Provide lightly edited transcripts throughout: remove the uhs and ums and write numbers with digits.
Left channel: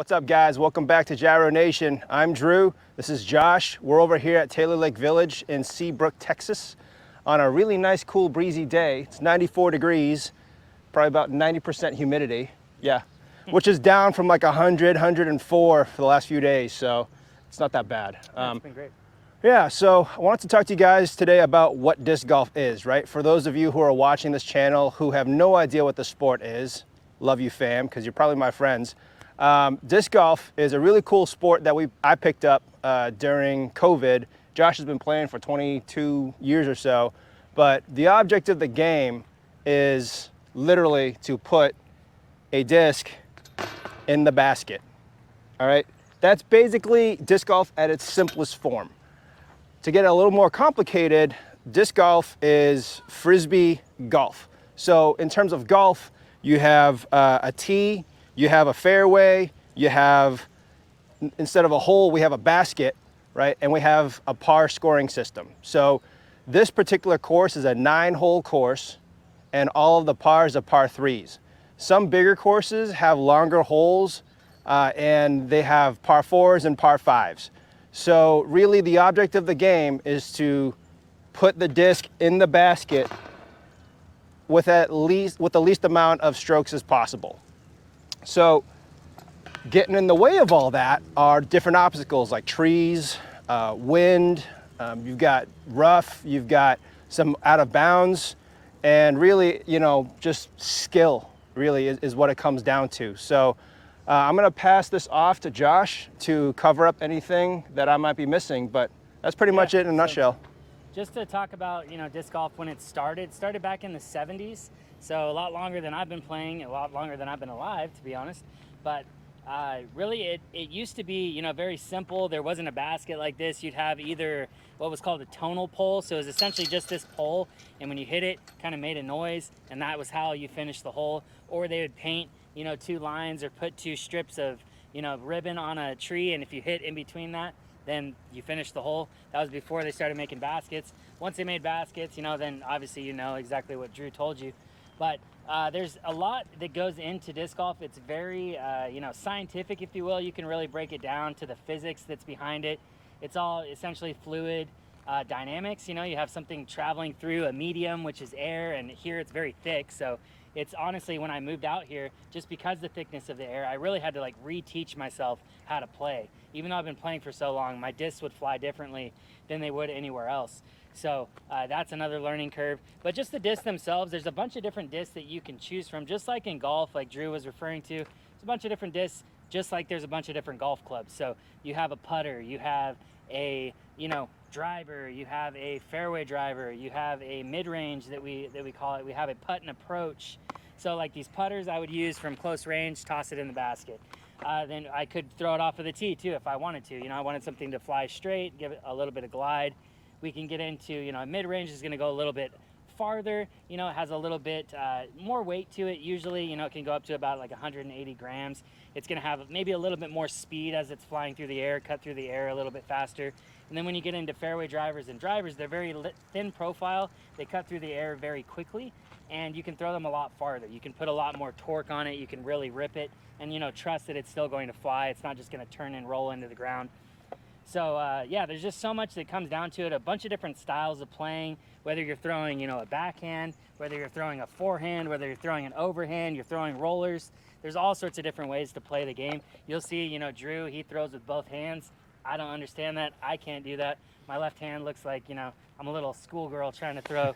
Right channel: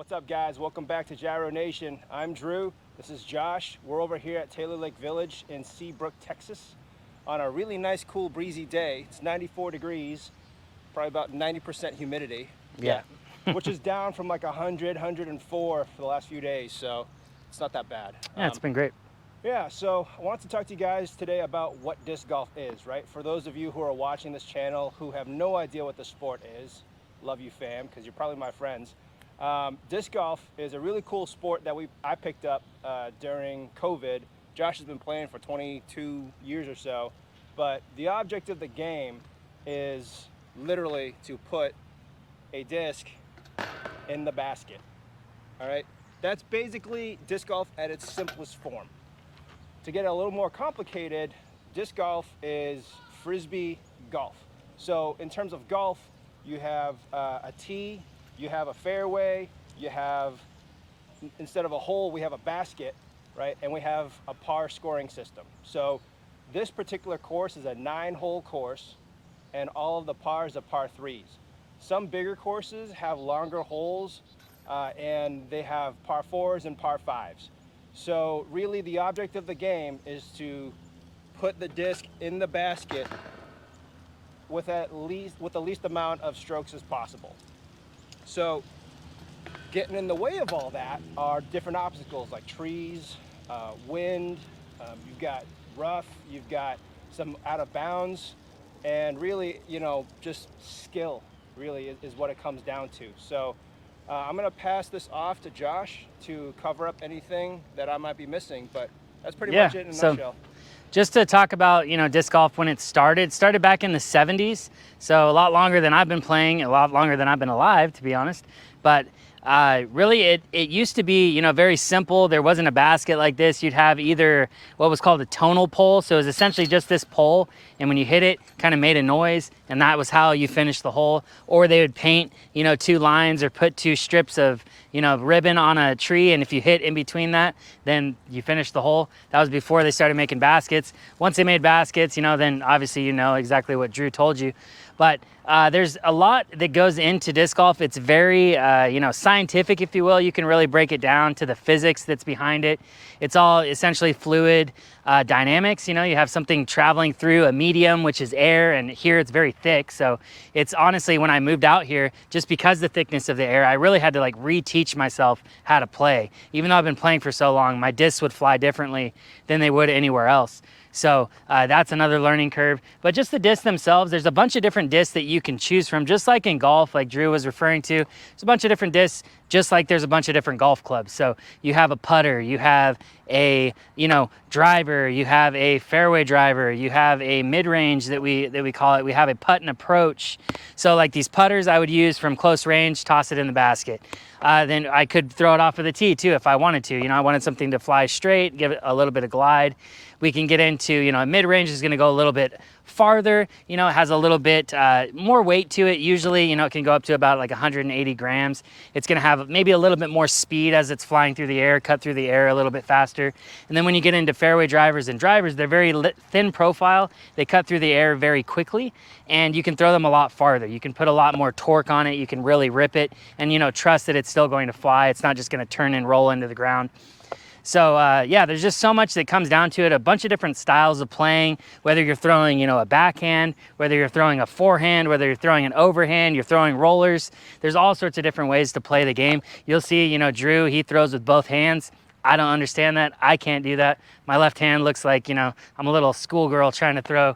What's up, guys? Welcome back to Gyro Nation. I'm Drew. This is Josh. We're over here at Taylor Lake Village in Seabrook, Texas on a really nice, cool, breezy day. It's 94 degrees, probably about 90% humidity. Yeah. Which is down from like 100, 104 for the last few days, so it's not that bad. Yeah, it's been great. Yeah, so I wanted to talk to you guys today about what disc golf is, right? For those of you who are watching this channel who have no idea what the sport is, love you, fam, because you're probably my friends. Disc golf is a really cool sport that I picked up during COVID. Josh has been playing for 22 years or so, but the object of the game is literally to put a disc in the basket, all right? That's basically disc golf at its simplest form. To get a little more complicated, disc golf is frisbee golf. So in terms of golf, you have a tee, you have a fairway, you have, instead of a hole, we have a basket, right? And we have a par scoring system. So this particular course is a 9-hole course, and all of the pars are par 3s. Some bigger courses have longer holes, and they have par 4s and par 5s. So really the object of the game is to put the disc in the basket with the least amount of strokes as possible. So getting in the way of all that are different obstacles like trees, wind, you've got rough, you've got some out of bounds, and really, you know, just skill really is what it comes down to. So I'm gonna pass this off to Josh to cover up anything that I might be missing, but that's pretty much it in a nutshell. Just to talk about, disc golf when it started back in the 70s. So a lot longer than I've been playing, a lot longer than I've been alive, to be honest. But really it used to be, very simple. There wasn't a basket like this. You'd have either what was called a tonal pole. So it was essentially just this pole, and when you hit it, kind of made a noise, and that was how you finished the hole. Or they would paint, 2 lines or put 2 strips of, ribbon on a tree, and if you hit in between that, then you finish the hole. That was before they started making baskets. Once they made baskets, then obviously exactly what Drew told you. But there's a lot that goes into disc golf. It's very, scientific, if you will. You can really break it down to the physics that's behind it. It's all essentially fluid dynamics. You have something traveling through a medium, which is air, and here it's very thick. So it's honestly, when I moved out here, just because the thickness of the air, I really had to reteach myself how to play. Even though I've been playing for so long, my discs would fly differently than they would anywhere else. So that's another learning curve. But just the discs themselves, there's a bunch of different discs that you can choose from, just like in golf, like Drew was referring to. There's a bunch of different discs, just like there's a bunch of different golf clubs. So you have a putter, you have a driver, you have a fairway driver, you have a mid-range that we call it, we have a putt and approach. So like these putters I would use from close range, toss it in the basket. Then I could throw it off of the tee too if I wanted to. I wanted something to fly straight, give it a little bit of glide. We can get into, a mid-range is gonna go a little bit farther, it has a little bit more weight to it. Usually, it can go up to about like 180 grams. It's gonna have maybe a little bit more speed as it's flying through the air, cut through the air a little bit faster. And then when you get into fairway drivers and drivers, they're very thin profile. They cut through the air very quickly, and you can throw them a lot farther. You can put a lot more torque on it. You can really rip it and, trust that it's still going to fly. It's not just gonna turn and roll into the ground. So yeah, there's just so much that comes down to it, a bunch of different styles of playing, whether you're throwing, a backhand, whether you're throwing a forehand, whether you're throwing an overhand, you're throwing rollers. There's all sorts of different ways to play the game. You'll see, Drew, he throws with both hands. I don't understand that. I can't do that. My left hand looks like, I'm a little schoolgirl trying to throw,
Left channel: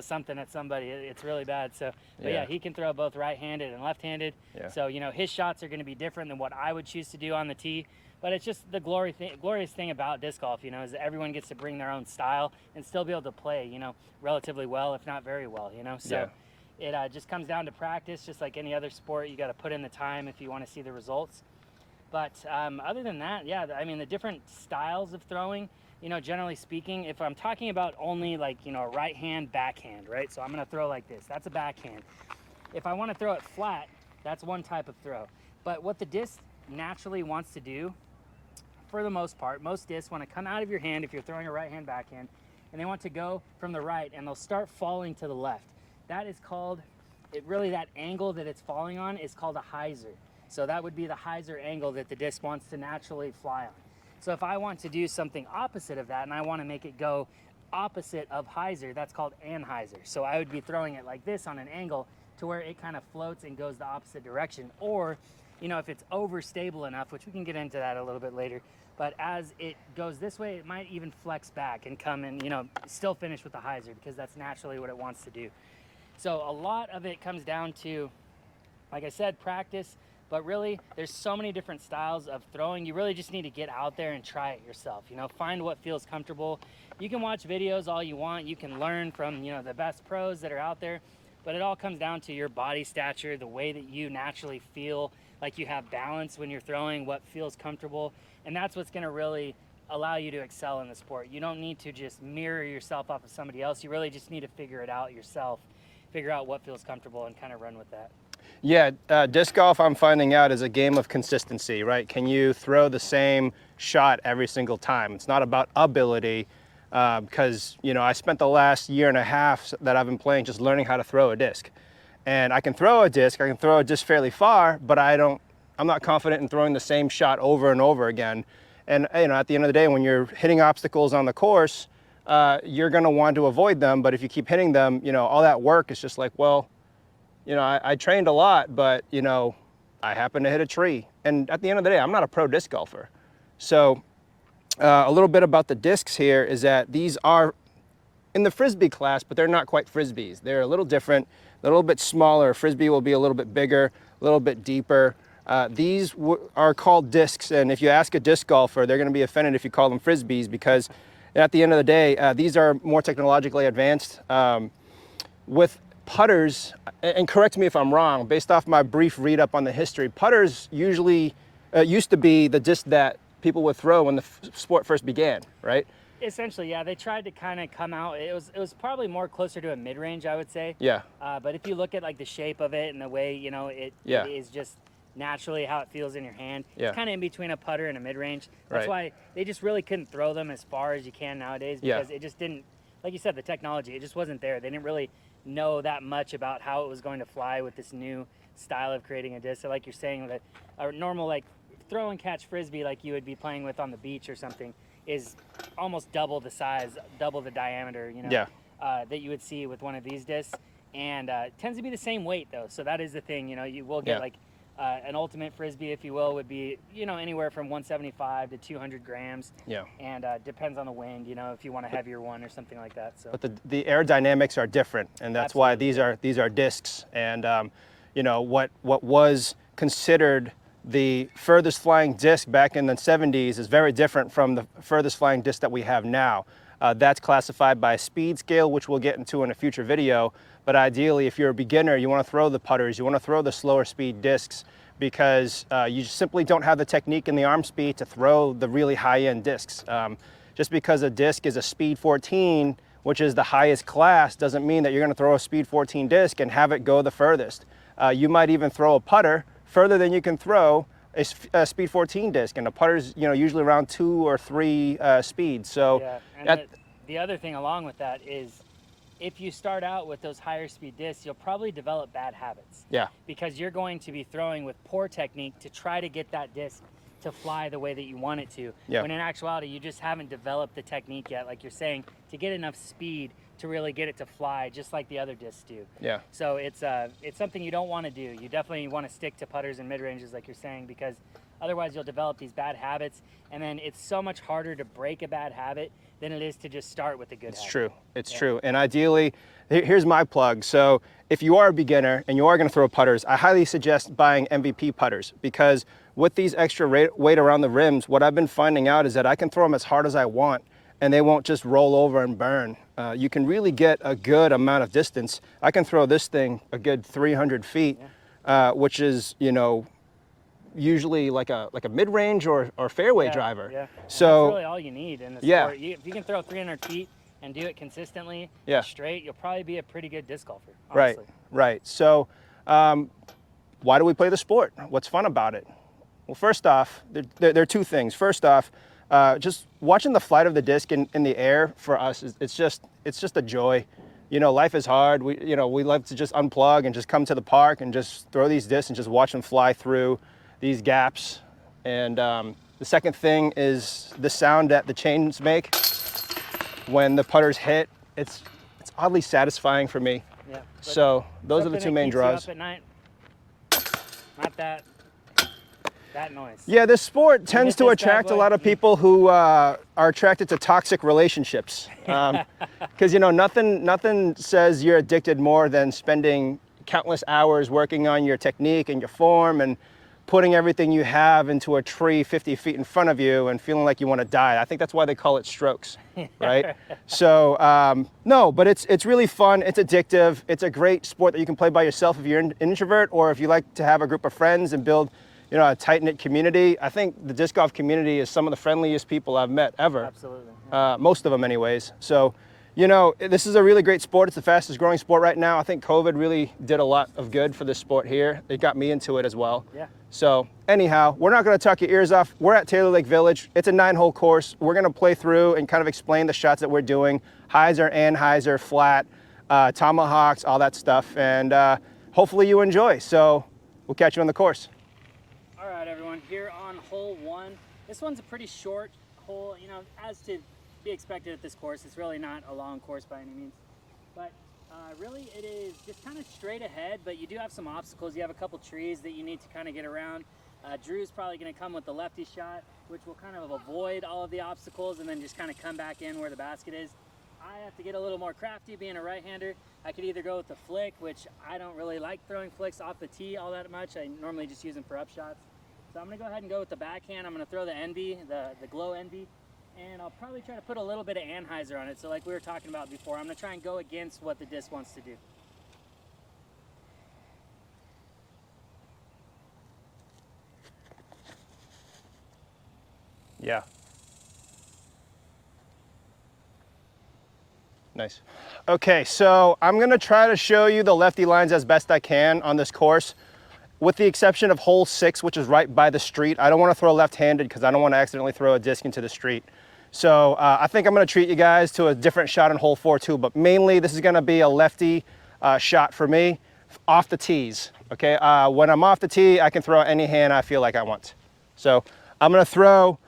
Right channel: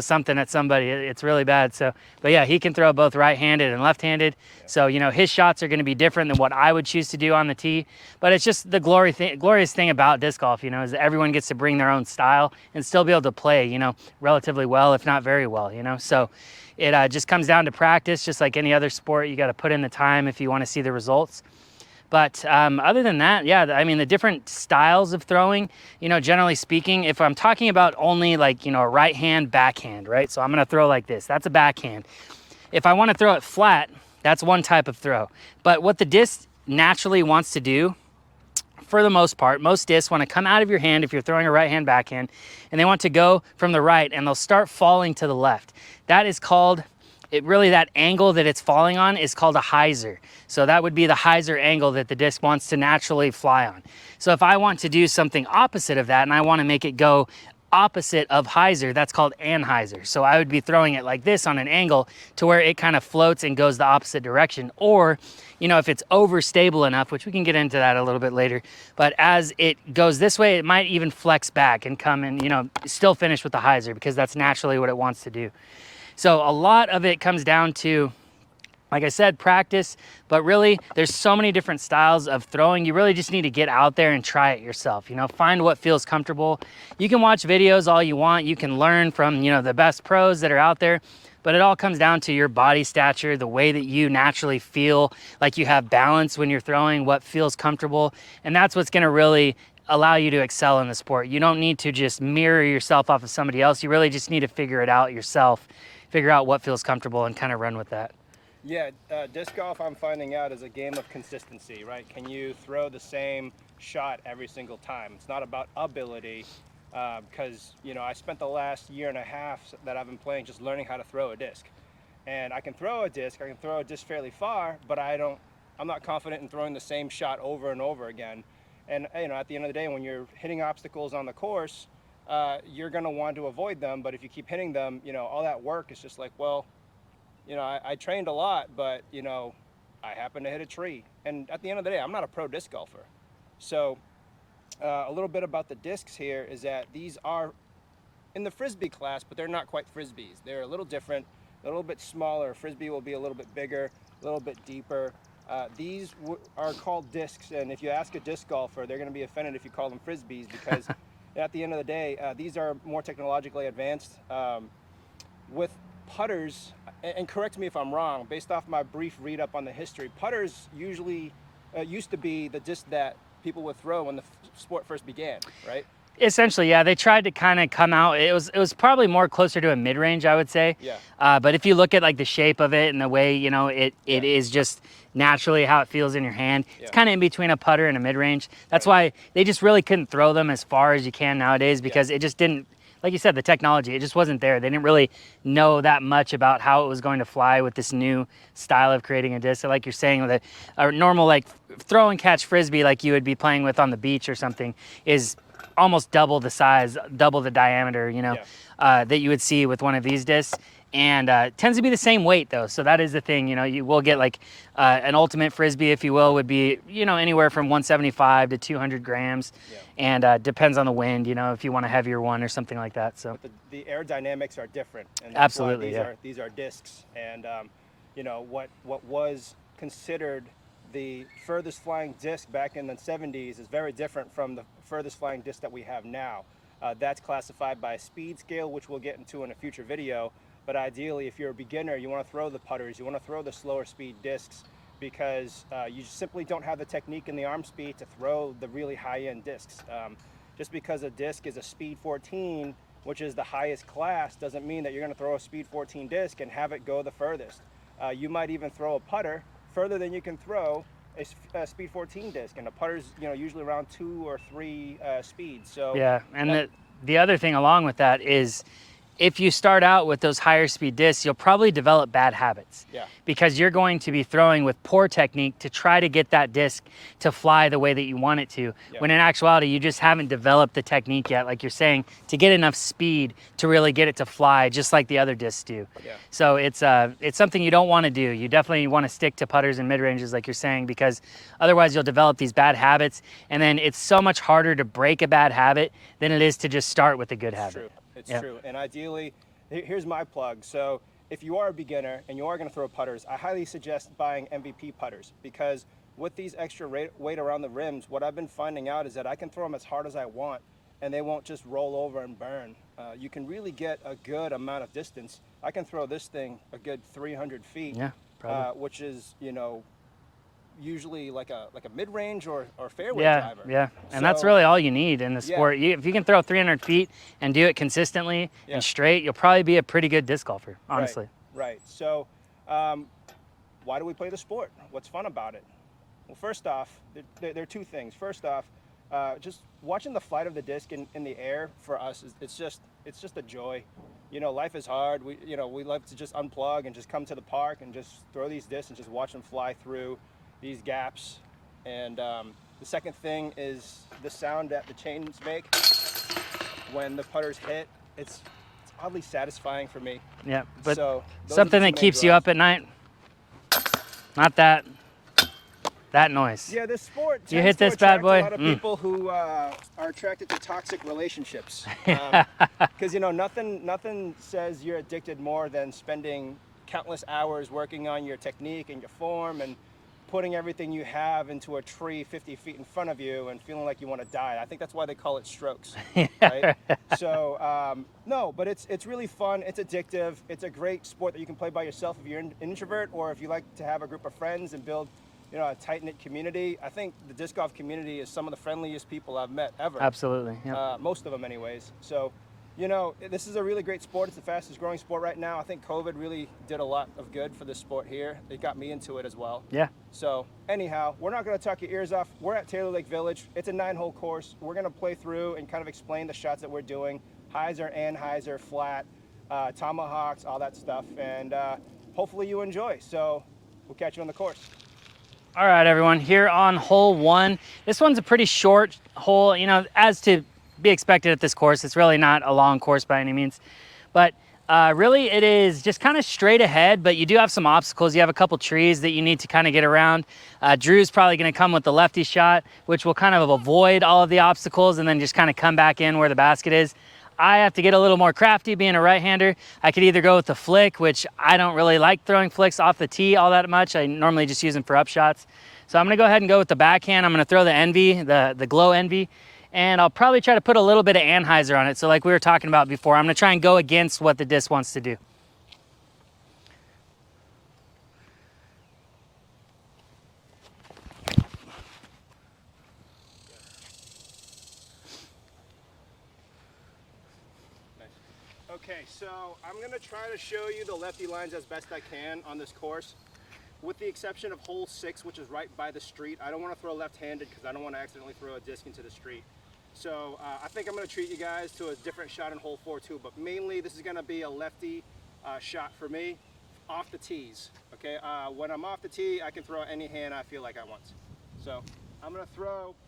something at somebody. It's really bad. So, but yeah, he can throw both right-handed and left-handed. Yeah. So, his shots are going to be different than what I would choose to do on the tee. But it's just the glorious thing about disc golf, is that everyone gets to bring their own style and still be able to play, relatively well, if not very well, So it just comes down to practice, just like any other sport. You got to put in the time if you want to see the results. But other than that, yeah, I mean, the different styles of throwing, generally speaking, if I'm talking about only like, a right hand backhand, right? So I'm going to throw like this. That's a backhand. If I want to throw it flat, that's one type of throw. But what the disc naturally wants to do, for the most part, most discs want to come out of your hand if you're throwing a right hand backhand, and they want to go from the right, and they'll start falling to the left. That is called really that angle that it's falling on is called a hyzer. So that would be the hyzer angle that the disc wants to naturally fly on. So if I want to do something opposite of that and I want to make it go opposite of hyzer, that's called anhyzer. So I would be throwing it like this on an angle to where it kind of floats and goes the opposite direction. Or, you know, if it's overstable enough, which we can get into that a little bit later, but as it goes this way, it might even flex back and come and, you know, still finish with the hyzer because that's naturally what it wants to do. So a lot of it comes down to, like I said, practice, but really there's so many different styles of throwing. You really just need to get out there and try it yourself, you know, find what feels comfortable. You can watch videos all you want. You can learn from, you know, the best pros that are out there, but it all comes down to your body stature, the way that you naturally feel like you have balance when you're throwing, what feels comfortable. And that's what's gonna really allow you to excel in the sport. You don't need to just mirror yourself off of somebody else. You really just need to figure it out yourself, figure out what feels comfortable and kind of run with that. Yeah, disc golf, I'm finding out, is a game of consistency, right? Can you throw the same shot every single time? It's not about ability, because, you know, I spent the last year and a half that I've been playing just learning how to throw a disc. And I can throw a disc fairly far, but I'm not confident in throwing the same shot over and over again. And, you know, at the end of the day, when you're hitting obstacles on the course, you're gonna want to avoid them, but if you keep hitting them, you know, all that work is just like, well, you know, I trained a lot, but, you know, I happened to hit a tree. And at the end of the day, I'm not a pro disc golfer. So a little bit about the discs here is that these are in the Frisbee class, but they're not quite Frisbees. They're a little different, a little bit smaller. Frisbee will be a little bit bigger, a little bit deeper. These are called discs, and if you ask a disc golfer, they're gonna be offended if you call them Frisbees, because at the end of the day, these are more technologically advanced. With putters, and correct me if I'm wrong, based off my brief read up on the history, putters usually used to be the disc that people would throw when the sport first began, right? Essentially, yeah. They tried to kind of come out. It was probably more closer to a mid-range, I would say. Yeah. But if you look at like the shape of it and the way, you know, it is just naturally how it feels in your hand. Yeah. It's kind of in between a putter and a mid-range. That's Right. why they just really couldn't throw them as far as you can nowadays, because it just didn't, like you said, the technology, it just wasn't there. They didn't really know that much about how it was going to fly with this new style of creating a disc. So like you're saying, with a normal like throw and catch Frisbee like you would be playing with on the beach or something is almost double the size, double the diameter, you know, that you would see with one of these discs. And tends to be the same weight though. So that is the thing, you know, you will get like an ultimate Frisbee, if you will, would be, you know, anywhere from 175 to 200 grams. Yeah. And depends on the wind, you know, if you want a heavier one or something like that. So But the aerodynamics are different, and that's why Absolutely, these are discs. And you know, what was considered the furthest flying disc back in the 70s is very different from the furthest flying disc that we have now. That's classified by a speed scale, which we'll get into in a future video. But ideally, if you're a beginner, you want to throw the putters, you want to throw the slower speed discs, because you simply don't have the technique and the arm speed to throw the really high-end discs. Just because a disc is a speed 14, which is the highest class, doesn't mean that you're going to throw a speed 14 disc and have it go the furthest. You might even throw a putter further than you can throw a speed 14 disc, and a putter's, you know, usually around 2 or 3 speeds. So yeah, and the other thing along with that is, if you start out with those higher speed discs, you'll probably develop bad habits. Yeah. Because you're going to be throwing with poor technique to try to get that disc to fly the way that you want it to. Yeah. When in actuality, you just haven't developed the technique yet, like you're saying, to get enough speed to really get it to fly just like the other discs do. Yeah. So it's something you don't want to do. You definitely want to stick to putters and mid-ranges like you're saying, because otherwise you'll develop these bad habits, and then it's so much harder to break a bad habit than it is to just start with a good habit. It's true. It's true. And ideally, here's my plug. So if you are a beginner and you are going to throw putters, I highly suggest buying MVP putters, because with these extra weight around the rims, what I've been finding out is that I can throw them as hard as I want and they won't just roll over and burn. You can really get a good amount of distance. I can throw this thing a good 300 feet, which is, you know, usually like a mid-range or fairway driver. Yeah, and so that's really all you need in the sport. If you can throw 300 feet and do it consistently and straight, you'll probably be a pretty good disc golfer, honestly. Right. So why do we play the sport? What's fun about it? Well, first off, there are two things. First off, just watching the flight of the disc in the air for us, it's just a joy. you know, life is hard. We like to just unplug and just come to the park and just throw these discs and just watch them fly through these gaps. And the second thing is the sound that the chains make when the putters hit. It's oddly satisfying for me. Yeah. But so those are the something two that main keeps you draws. up at night. Not that noise. Yeah, this sport tends hit to this bad attract a boy? lot of people who are attracted to toxic relationships. Because you know, nothing says you're addicted more than spending countless hours working on your technique and your form and putting everything you have into a tree 50 feet in front of you and feeling like you want to die. I think that's why they call it strokes, right? So no, but it's really fun. It's addictive. It's a great sport that you can play by yourself if you're an introvert, or if you like to have a group of friends and build, you know, a tight-knit community. I think the disc golf community is some of the friendliest people I've met ever. Absolutely. Yeah. Most of them anyways. So, you know, this is a really great sport. It's the fastest growing sport right now. I think COVID really did a lot of good for this sport here. It got me into it as well. Yeah. So anyhow, we're not gonna tuck your ears off. We're at Taylor Lake Village. It's a 9-hole course. We're gonna play through and kind of explain the shots that we're doing. Hyzer, anhyzer, flat, tomahawks, all that stuff. And hopefully you enjoy. So we'll catch you on the course. All right, everyone, here on hole 1. This one's a pretty short hole, you know, as to be expected at this course. It's really not a long course by any means, but really it is just kind of straight ahead, but you do have some obstacles. You have a couple trees that you need to kind of get around. Drew's probably going to come with the lefty shot, which will kind of avoid all of the obstacles and then just kind of come back in where the basket is. I have to get a little more crafty being a right-hander. I could either go with the flick, which I don't really like throwing flicks off the tee all that much. I normally just use them for up shots. So I'm gonna go ahead and go with the backhand. I'm gonna throw the Envy, the Glow Envy, and I'll probably try to put a little bit of anhyzer on it. So like we were talking about before, I'm gonna try and go against what the disc wants to do. Yeah. Nice. Okay, so I'm gonna try to show you the lefty lines as best I can on this course, with the exception of hole 6, which is right by the street. I don't wanna throw left-handed because I don't wanna accidentally throw a disc into the street. So I think I'm gonna treat you guys to a different shot on hole 4 too, but mainly this is gonna be a lefty shot for me off the tees, okay? When I'm off the tee, I can throw any hand I feel like I want. So I'm gonna throw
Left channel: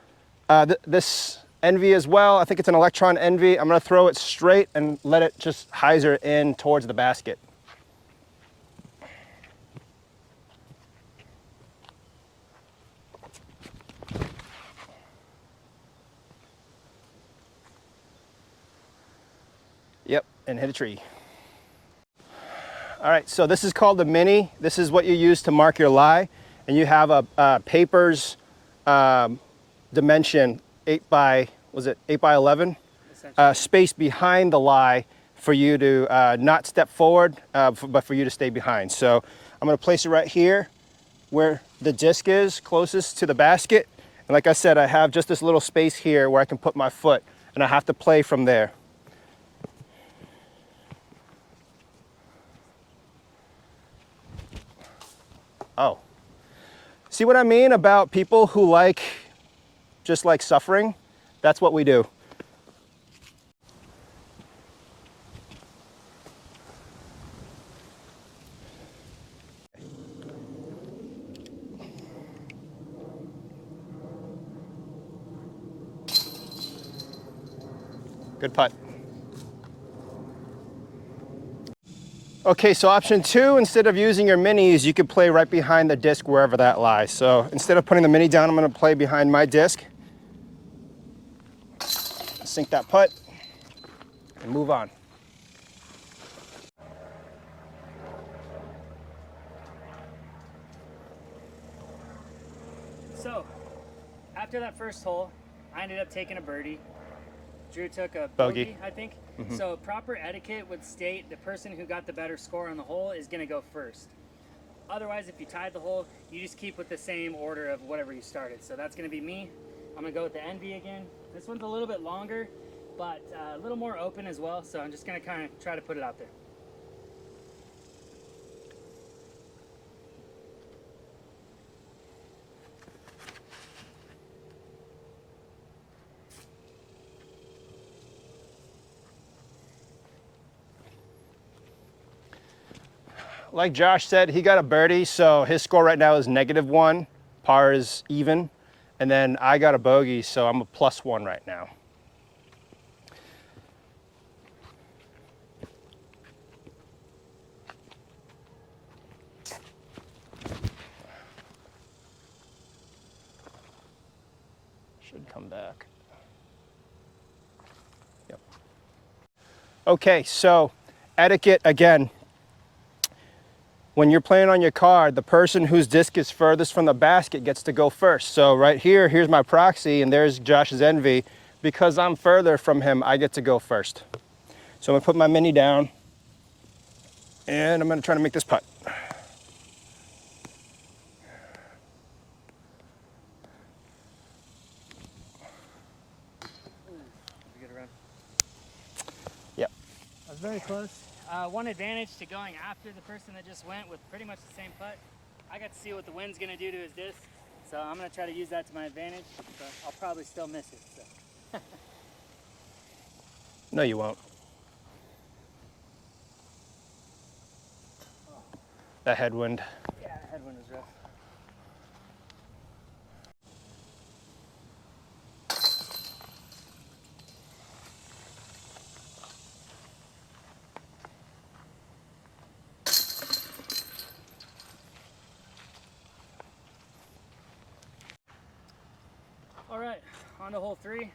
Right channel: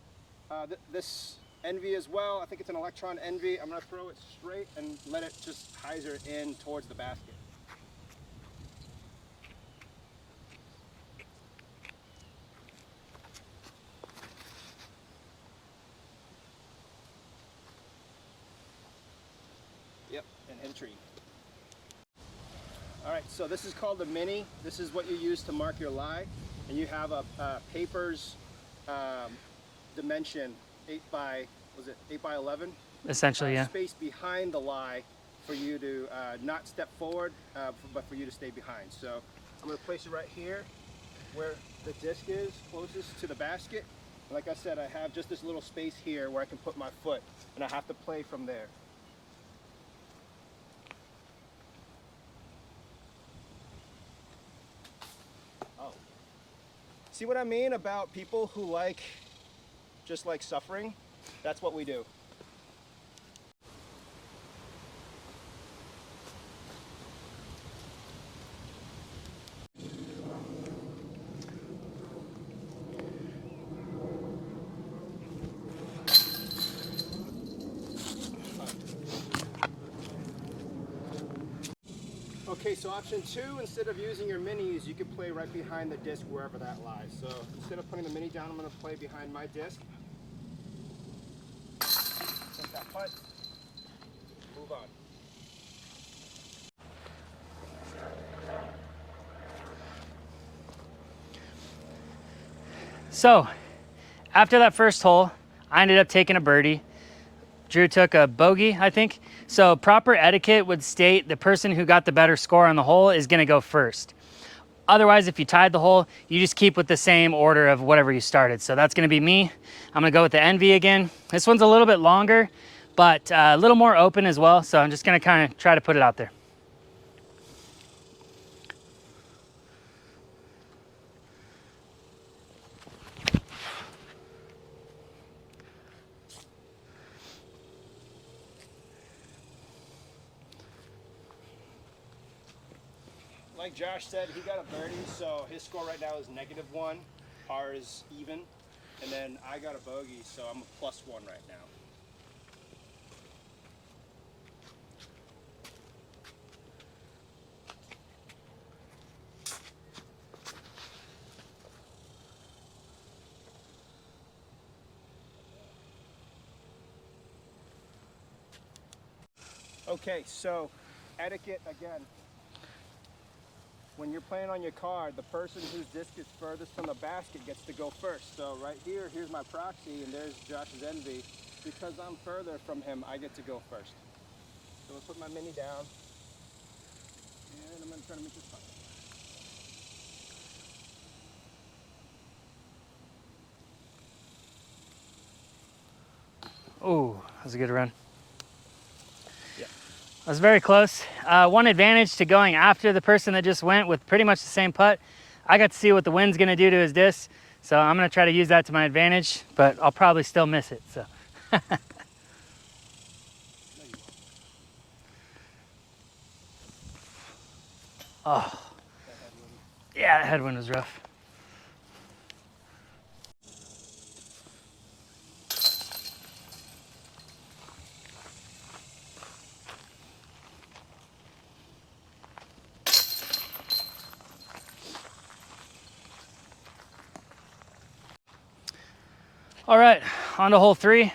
this Envy as well. I think it's an Electron Envy. I'm gonna throw it straight and let it just hyzer in towards the basket. Yep, and hit a tree. All right, so this is called the Mini. This is what you use to mark your lie. And you have a paper's dimension 8 by 11? Essentially, yeah. Space behind the lie for you to not step forward, but for you to stay behind. So I'm gonna place it right here where the disc is closest to the basket. And like I said, I have just this little space here where I can put my foot, and I have to play from there. Oh, see what I mean about people who just like suffering? That's what we do. Good putt. Okay, so option 2, instead of using your minis, you could play right behind the disc wherever that lies. So instead of putting the mini down, I'm gonna play behind my disc. Sink that putt and move on. So after that first hole, I ended up taking a birdie. Drew took a bogey, I think. Mm-hmm. So proper etiquette would state the person who got the better score on the hole is gonna go first. Otherwise, if you tied the hole, you just keep with the same order of whatever you started. So that's gonna be me. I'm gonna go with the Envy again. This one's a little bit longer, but a little more open as well. So I'm just gonna kind of try to put it out there. like Josh said, he got a birdie, so his score right now is -1. Par is even. And then I got a bogey, so I'm a +1 right now. Should come back. Yep. Okay, so etiquette again. When you're playing on your card, the person whose disc is furthest from the basket gets to go first. So right here, here's my proxy, and there's Josh's envy. Because I'm further from him, I get to go first. So I'm gonna put my mini down, and I'm gonna try to make this putt. Oh, that was a good run. Yep. That was very close. One advantage to going after the person that just went with pretty much the same putt, I got to see what the wind's gonna do to his disc, so I'm gonna try to use that to my advantage, but I'll probably still miss it, so. No, you won't. Oh. That headwind. Yeah, that headwind was rough. All right, on to hole 3.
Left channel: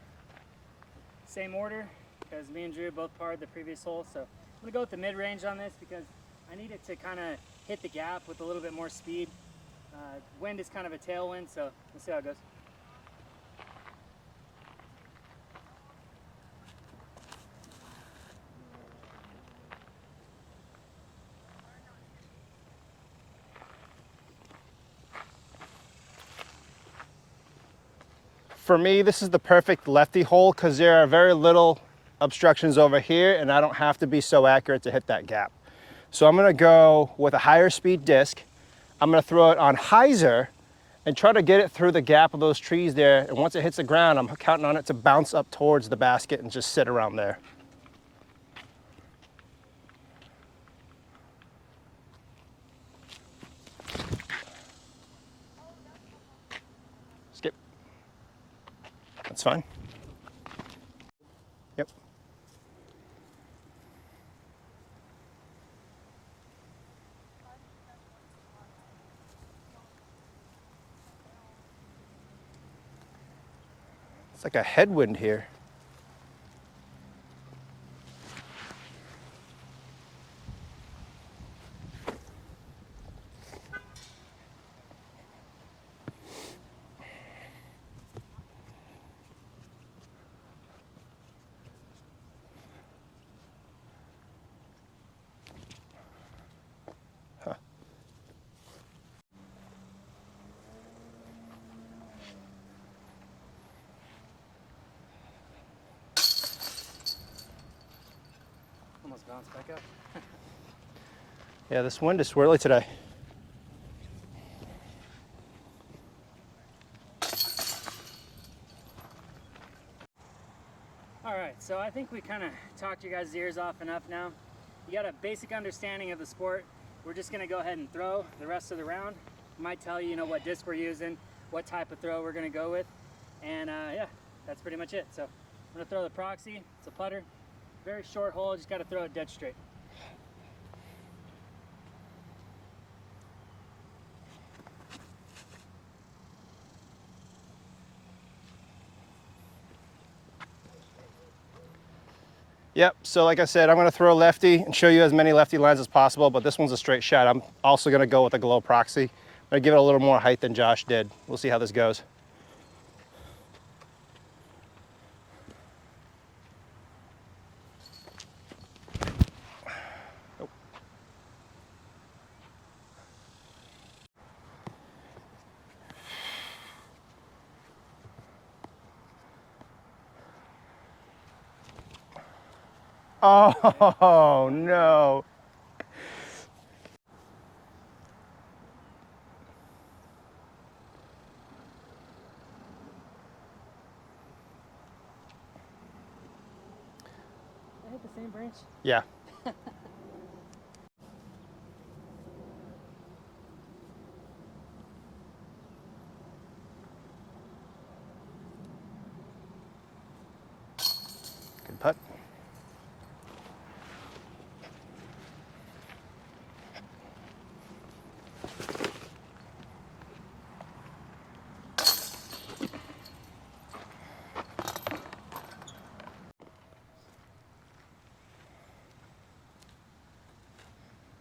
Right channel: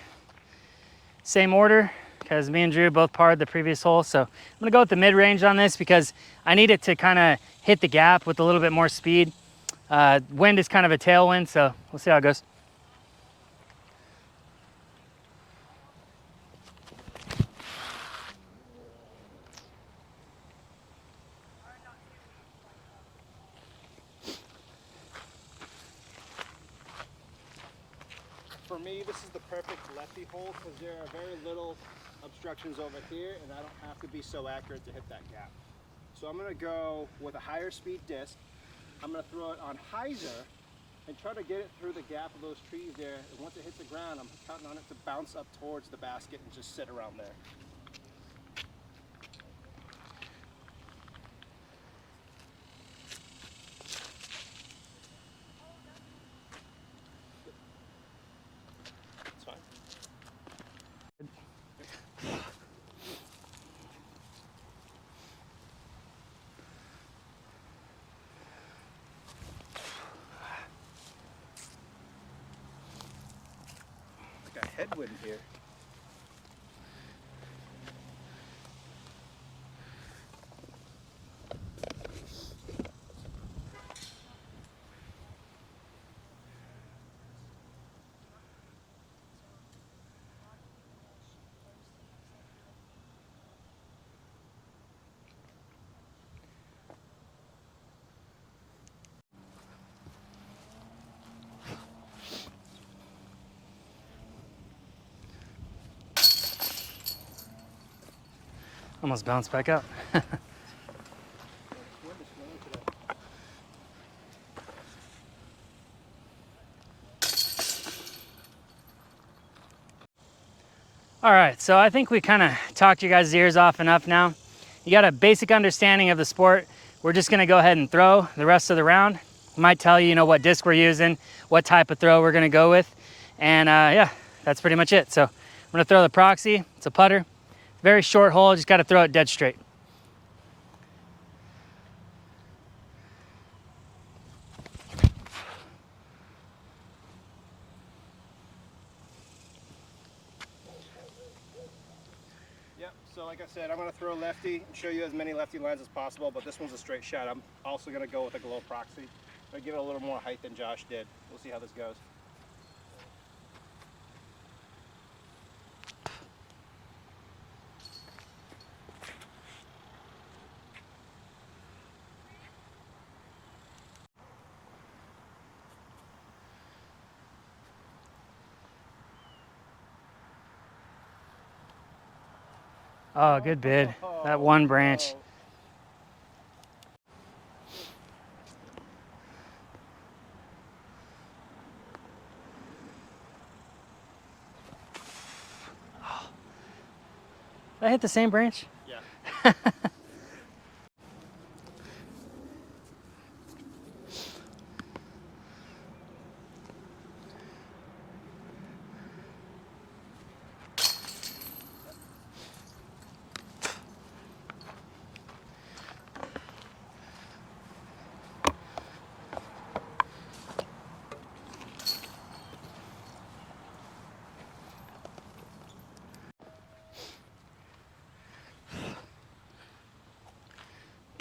Same order, because me and Drew both parred the previous hole. So I'm gonna go with the mid-range on this because I need it to kind of hit the gap with a little bit more speed. Wind is kind of a tailwind, so we'll see how it goes. For me, this is the perfect lefty hole because there are very little obstructions over here, and I don't have to be so accurate to hit that gap. So I'm gonna go with a higher speed disc. I'm gonna throw it on hyzer and try to get it through the gap of those trees there. And once it hits the ground, I'm counting on it to bounce up towards the basket and just sit around there. Skip. That's fine. Yep. It's like a headwind here. Almost bounced back up. Yeah, this wind is swirly today. All right, so I think we kind of talked your guys' ears off enough now. You got a basic understanding of the sport. We're just gonna go ahead and throw the rest of the round. Might tell you, what disc we're using, what type of throw we're gonna go with. And yeah, that's pretty much it. So I'm gonna throw the proxy. It's a putter. Very short hole, just gotta throw it dead straight. Yep, so like I said, I'm gonna throw lefty and show you as many lefty lines as possible, but this one's a straight shot. I'm also gonna go with a glow proxy. I'm gonna give it a little more height than Josh did. We'll see how this goes. Oh, good bid. That one branch. No. Did I hit the same branch? Yeah.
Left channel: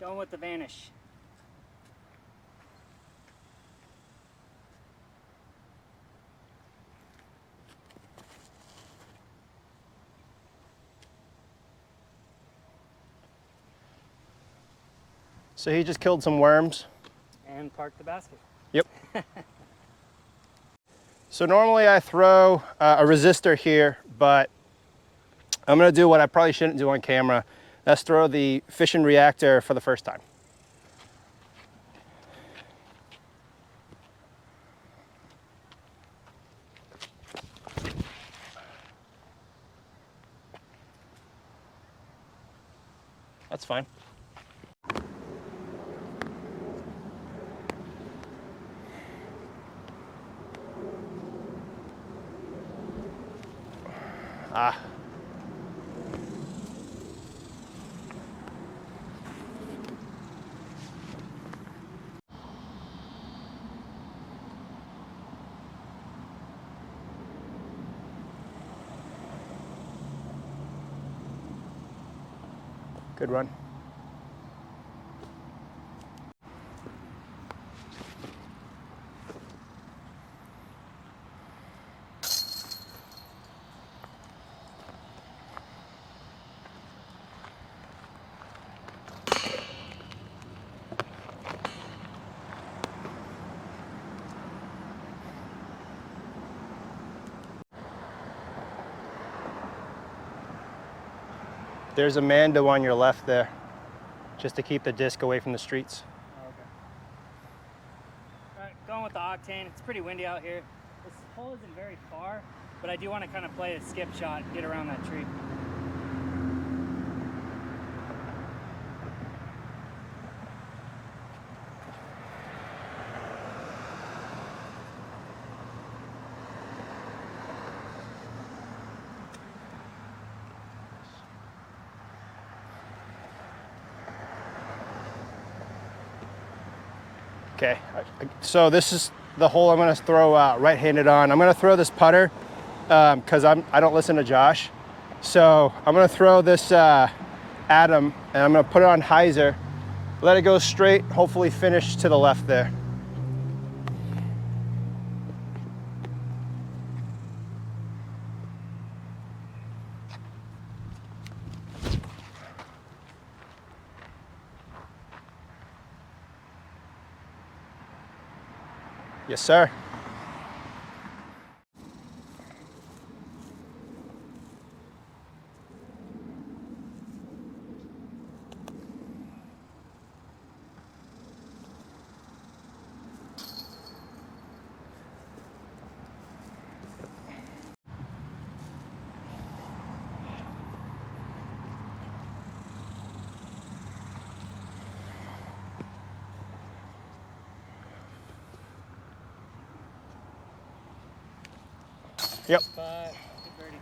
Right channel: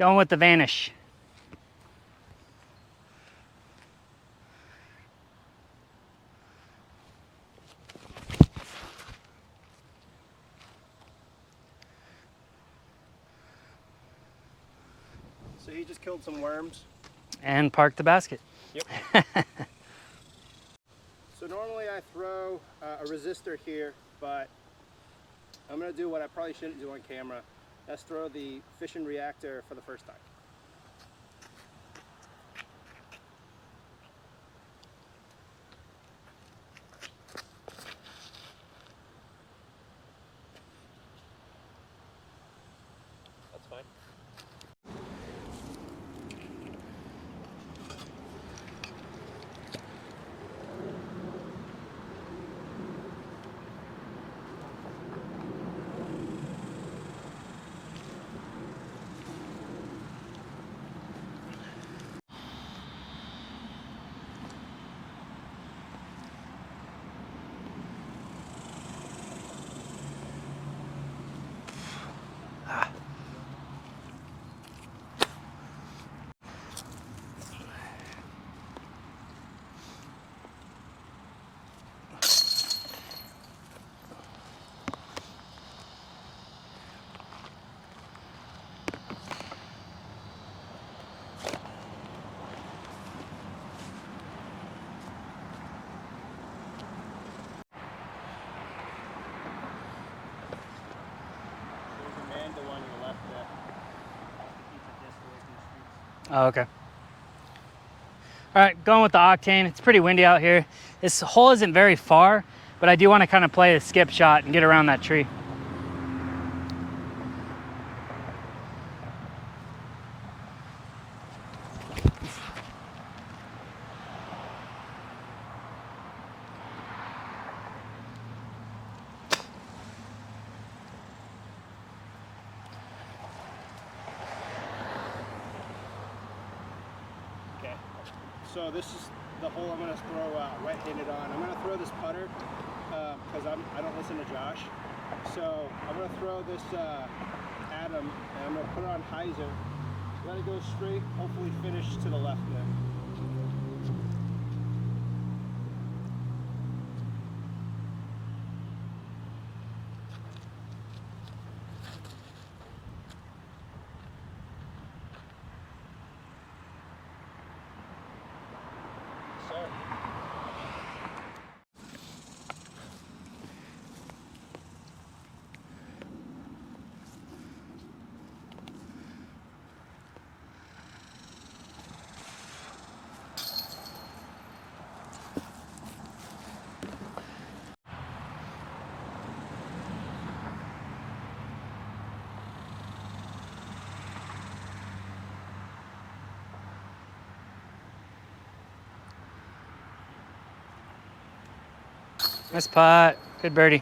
Going with the Vanish. So he just killed some worms. And parked the basket. Yep. So normally I throw a resistor here, but I'm gonna do what I probably shouldn't do on camera. That's throw the fission reactor for the first time. That's fine. Ah. Good run. There's a Mando on your left there, just to keep the disc away from the streets. Oh, okay. All right, going with the Octane. It's pretty windy out here. This hole isn't very far, but I do want to kind of play a skip shot and get around that tree. Okay, so this is the hole I'm gonna throw right-handed on. I'm gonna throw this putter because I don't listen to Josh. So I'm gonna throw this Atom and I'm gonna put it on hyzer, let it go straight, hopefully finish to the left there. Yes, sir. Yep. Nice putt. Good birdie.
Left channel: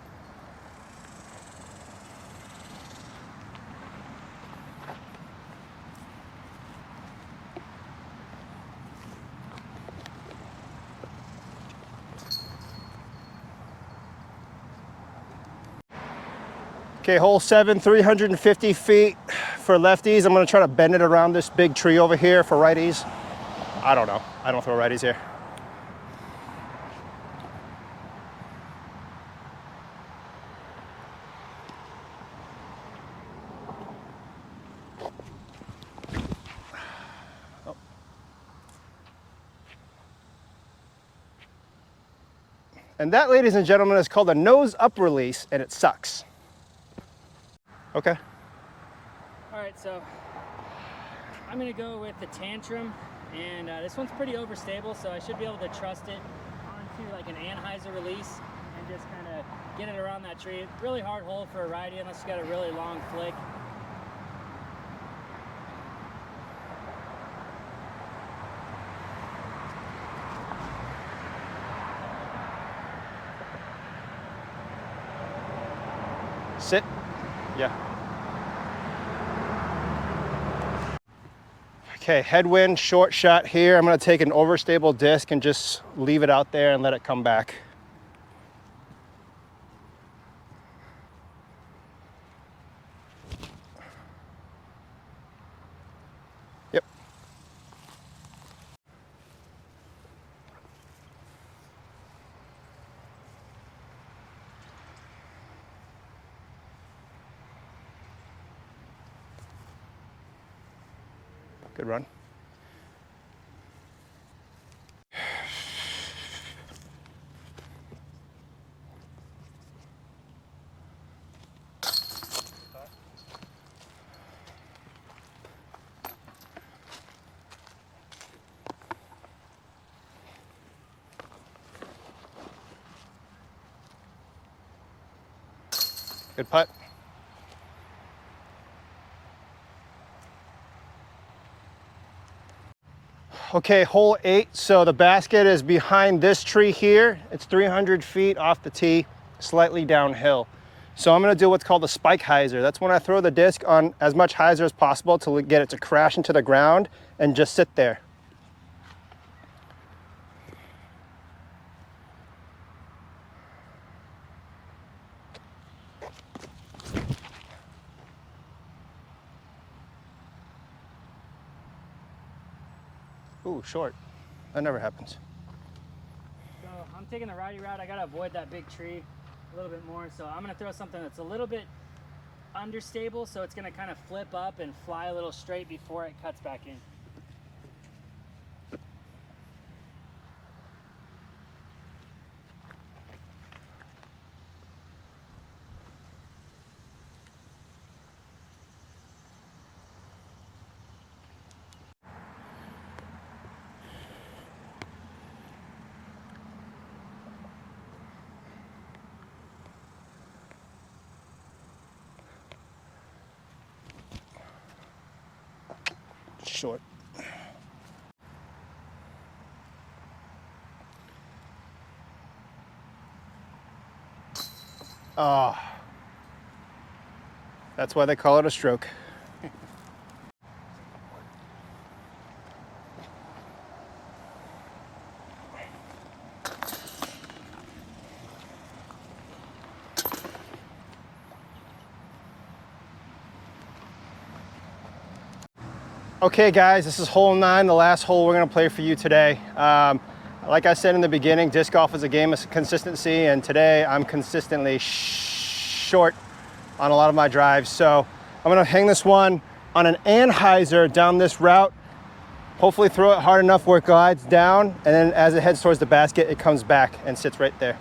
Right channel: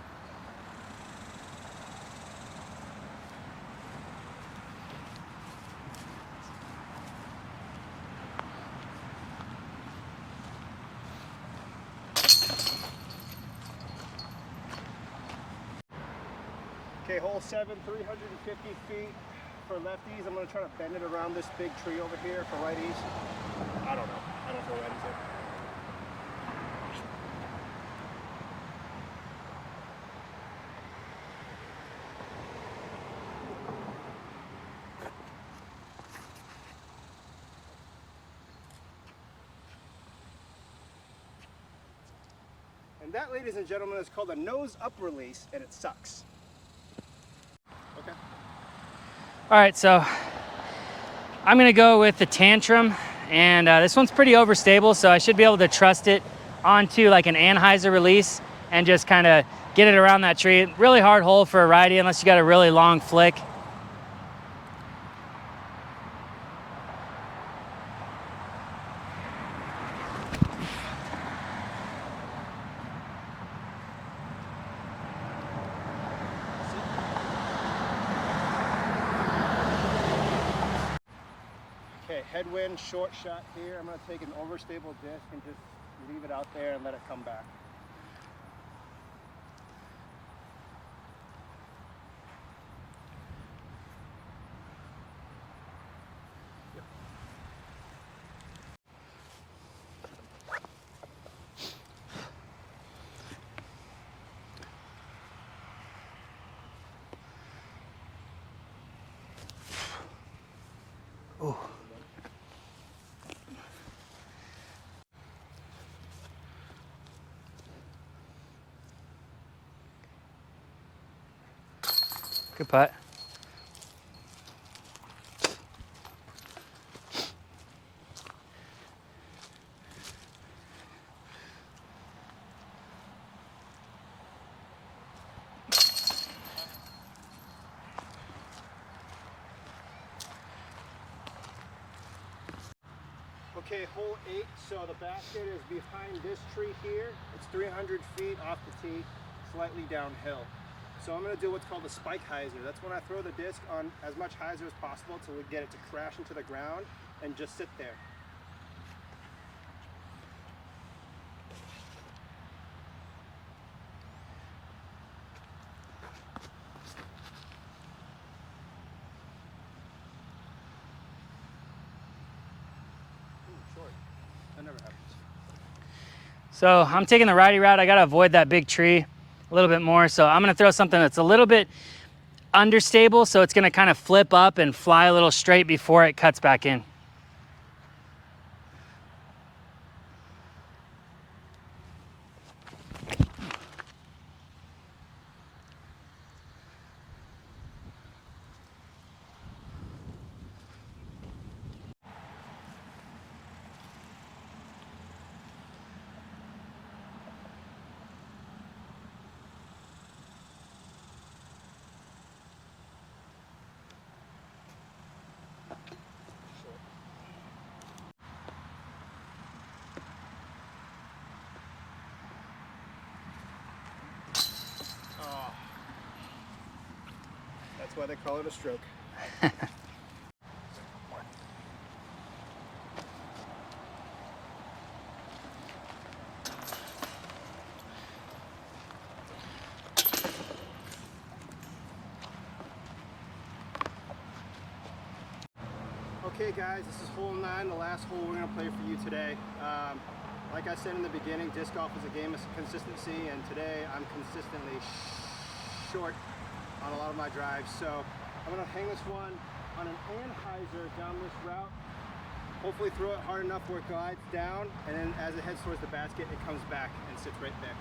Okay, hole 7, 350 feet for lefties. I'm gonna try to bend it around this big tree over here for righties. I don't know. I don't throw righties here. And that, ladies and gentlemen, is called a nose up release, and it sucks. Okay. All right, so I'm gonna go with the Tantrum, and this one's pretty overstable, so I should be able to trust it onto like an anhyzer release and just kind of get it around that tree. Really hard hole for a righty unless you got a really long flick. Sit. Yeah. Okay, headwind, short shot here. I'm gonna take an overstable disc and just leave it out there and let it come back. Ooh, good run. Good putt. Good putt. Okay, hole 8. So the basket is behind this tree here. It's 300 feet off the tee, slightly downhill. So I'm gonna do what's called a spike hyzer. That's when I throw the disc on as much hyzer as possible to get it to crash into the ground and just sit there. Ooh, short. That never happens. So I'm taking the righty route. I gotta avoid that big tree a little bit more. So I'm gonna throw something that's a little bit understable, so it's gonna kind of flip up and fly a little straight before it cuts back in. Short. Oh, that's why they call it a stroke. Okay guys, this is hole 9, the last hole we're gonna play for you today. Like I said in the beginning, disc golf is a game of consistency, and today I'm consistently short on a lot of my drives. So I'm gonna hang this one on an anhyzer down this route, hopefully throw it hard enough where it glides down, and then as it heads towards the basket, it comes back and sits right there.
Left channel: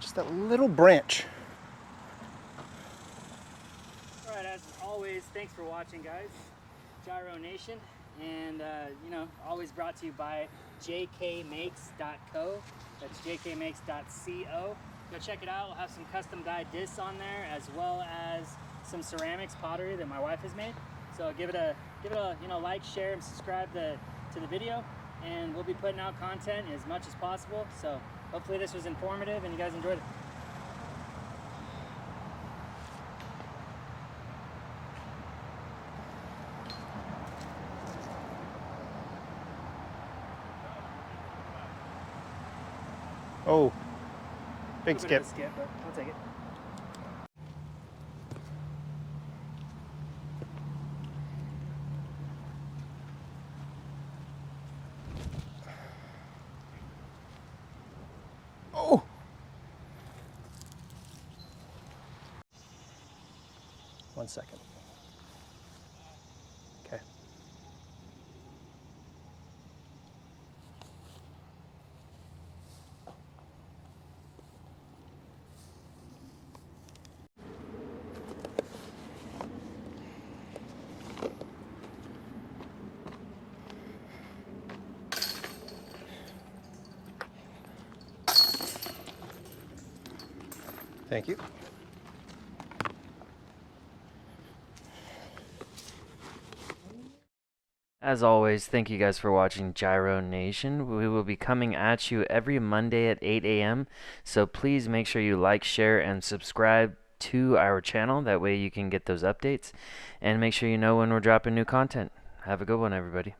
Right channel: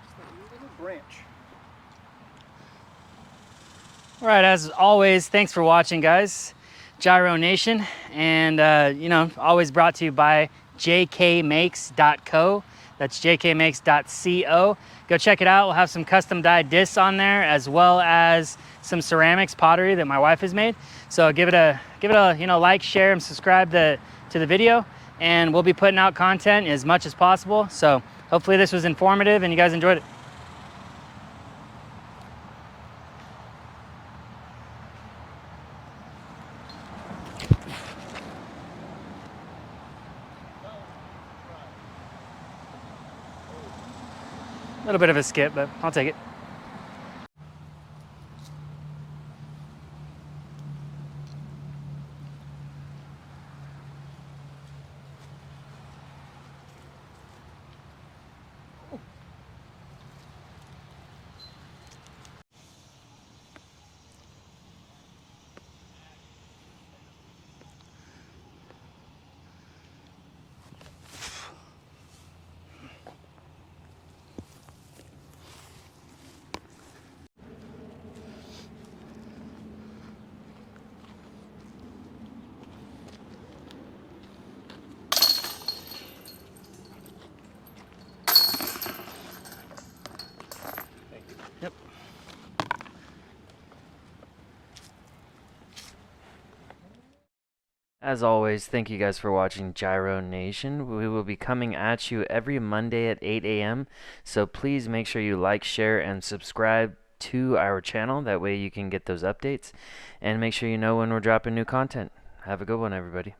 Just that little branch. All right, as always, thanks for watching, guys. Gyro Nation, and you know, always brought to you by jkmakes.co. That's jkmakes.co. Go check it out. We'll have some custom dyed discs on there, as well as some ceramics pottery that my wife has made. So give it a you know, like, share, and subscribe to the video, and we'll be putting out content as much as possible. So hopefully this was informative and you guys enjoyed it. Oh, A little bit of a skip, but I'll take it. Oh. 1 second. Okay. Thank you. Yep. As always, thank you guys for watching Gyro Nation. We will be coming at you every Monday at 8 a.m. So please make sure you like, share, and subscribe to our channel. That way you can get those updates. And make sure you know when we're dropping new content. Have a good one, everybody.